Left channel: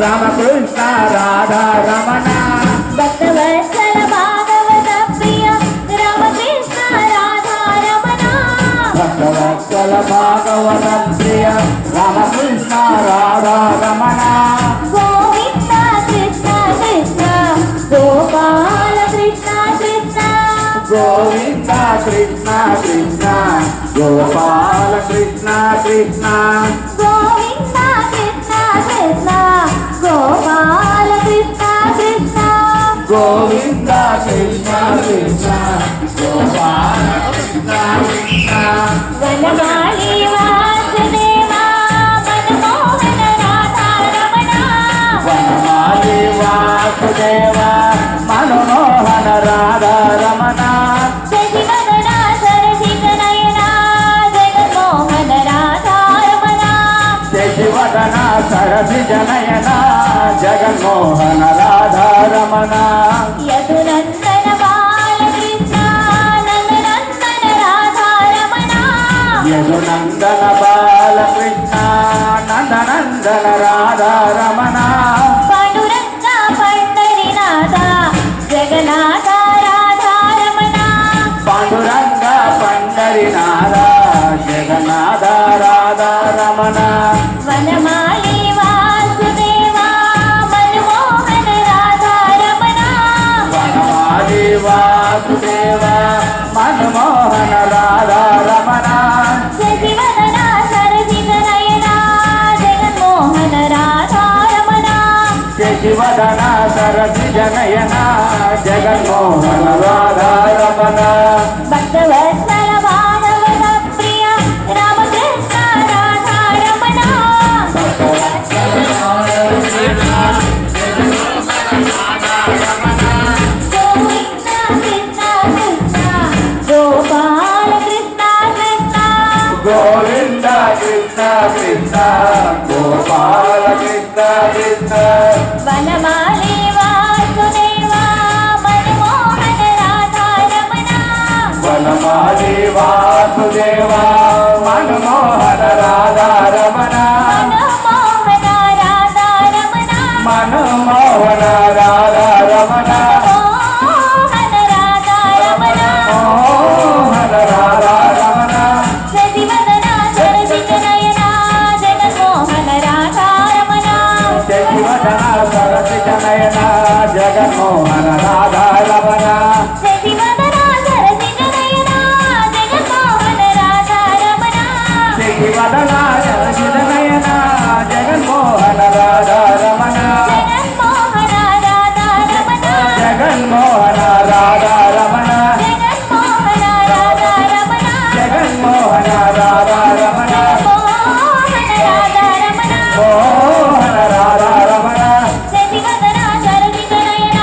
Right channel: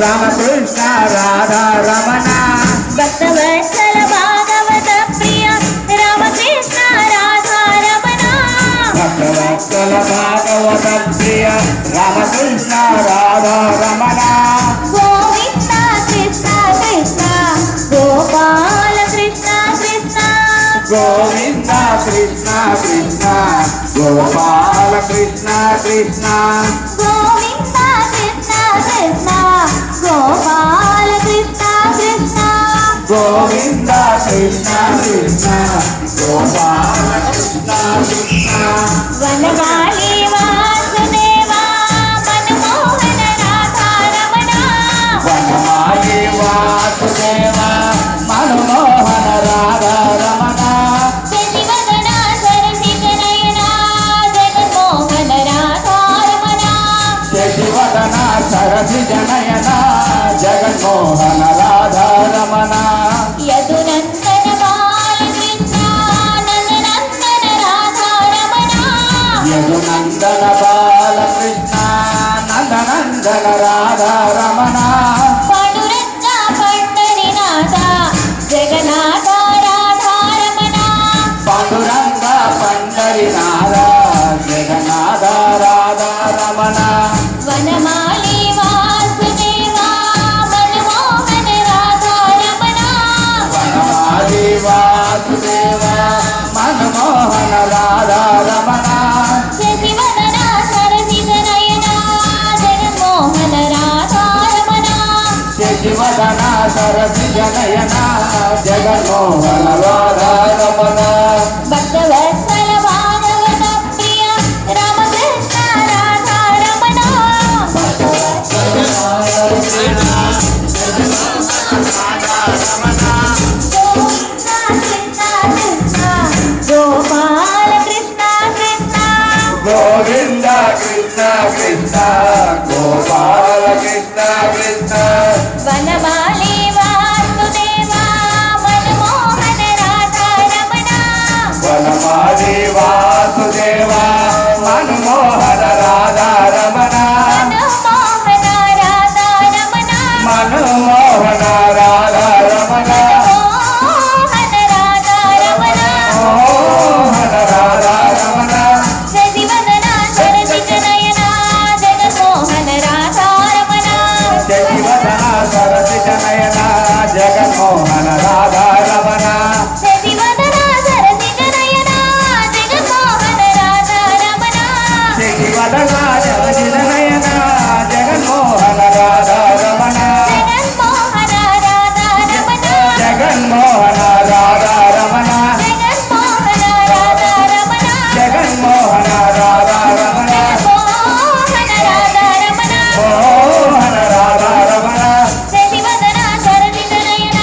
రామకృష్ణ రాధా రమణ భక్తవత్సల భాగవత ప్రియ రామకృష్ణ రాధా రమణ భక్తవత్సల భాగవత ప్రియ రామకృష్ణ రాధా రమణ గోవింద కృష్ణ కృష్ణ గోపాల కృష్ణ కృష్ణ గోవింద కృష్ణ కృష్ణ గోపాల కృష్ణ కృష్ణ గోవింద కృష్ణ కృష్ణ గోపాల కృష్ణ కృష్ణ గోవింద కృష్ణ కృష్ణ గోపాల కృష్ణ కృష్ణ వనమాలి వాసుదేవ మనమోహన రాధా రమణ వనమాలి వాసుదేవ మనమోహన రాధా రమణ శశివదన సరసిజ నయన జగన్మోహన రాధా రమణ శశివదన సరసిజ నయన జగన్మోహన రాధా రమణ యదునందన బాలకృష్ణ నందనందన రాధా రమణ యదునందన బాలకృష్ణ నందనందన రాధా రమణ పాండురంగ పండరినాథ జగన్నాథ రాధా రమణ పాండురంగ పండరినాథ జగన్నాథ రాధా రమణ వనమాలి వాసుదేవ మనమోహన రాధా రమణ వనమాలి వాసుదేవ మనమోహన రాధా రమణ శశివదన సరసిజ నయన జగన్మోహన రాధా రమణ శశివదన సరసిజ నయన జగన్మోహన రాధా రమణ భక్తవత్సల భాగవత ప్రియ రామకృష్ణ రాధా రమణ గోవింద కృష్ణ కృష్ణ గోపాల కృష్ణ కృష్ణ గోవింద కృష్ణ కృష్ణ గోపాల కృష్ణ కృష్ణ వనమాలి వాసుదేవ మనమోహన రాధా రమణ వనమాలి వాసుదేవ మనమోహన రాధా రమణ మనమోహన రాధా రమణ మనమోహన రాధా రమణ మోహన రాధా రమణ మోహన రాధా రమణ శశివదన సరసిజ నయన జగన్మోహన రాధా రమణ శశివదన సరసిజ నయన జగన్మోహన రాధా రమణ శశివదన సరసిజ నయన జగన్మోహన రాధా రమణ శశివదన సరసిజ నయన జగన్మోహన రాధా రమణ జగన్మోహన రాధా రమణ జగన్మోహన రాధా రమణ జగన్మోహన రాధా రమణ జగన్మోహన రాధా రమణ మోహన రాధా రమణ మోహన రాధా రమణ శశివదన సరసిజ నయన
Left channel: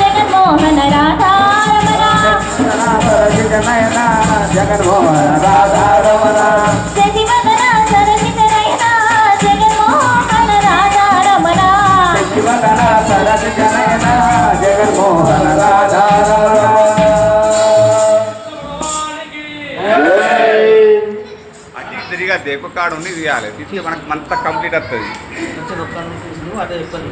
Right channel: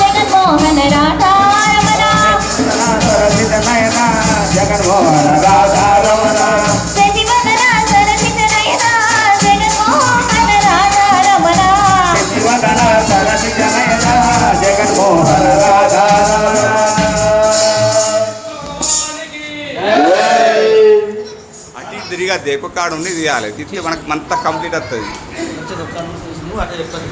జగన్మోహన రాధా రమణ సరసిజ నయన జగన్మోహన రాధా రమణ శశివదన సరసిజ నయన జగన్మోహన రాధా రమణ శశివదన సరసిజ నయన జగన్మోహన రాధా రమణ అటు తిరిగా దేకు కాడు ఉంది తీయాలి తీసి మనకు అంత కంప్లీట్ వస్తుంది కొంచెం ఒక్క నిమిషం అట్లా చెప్తాను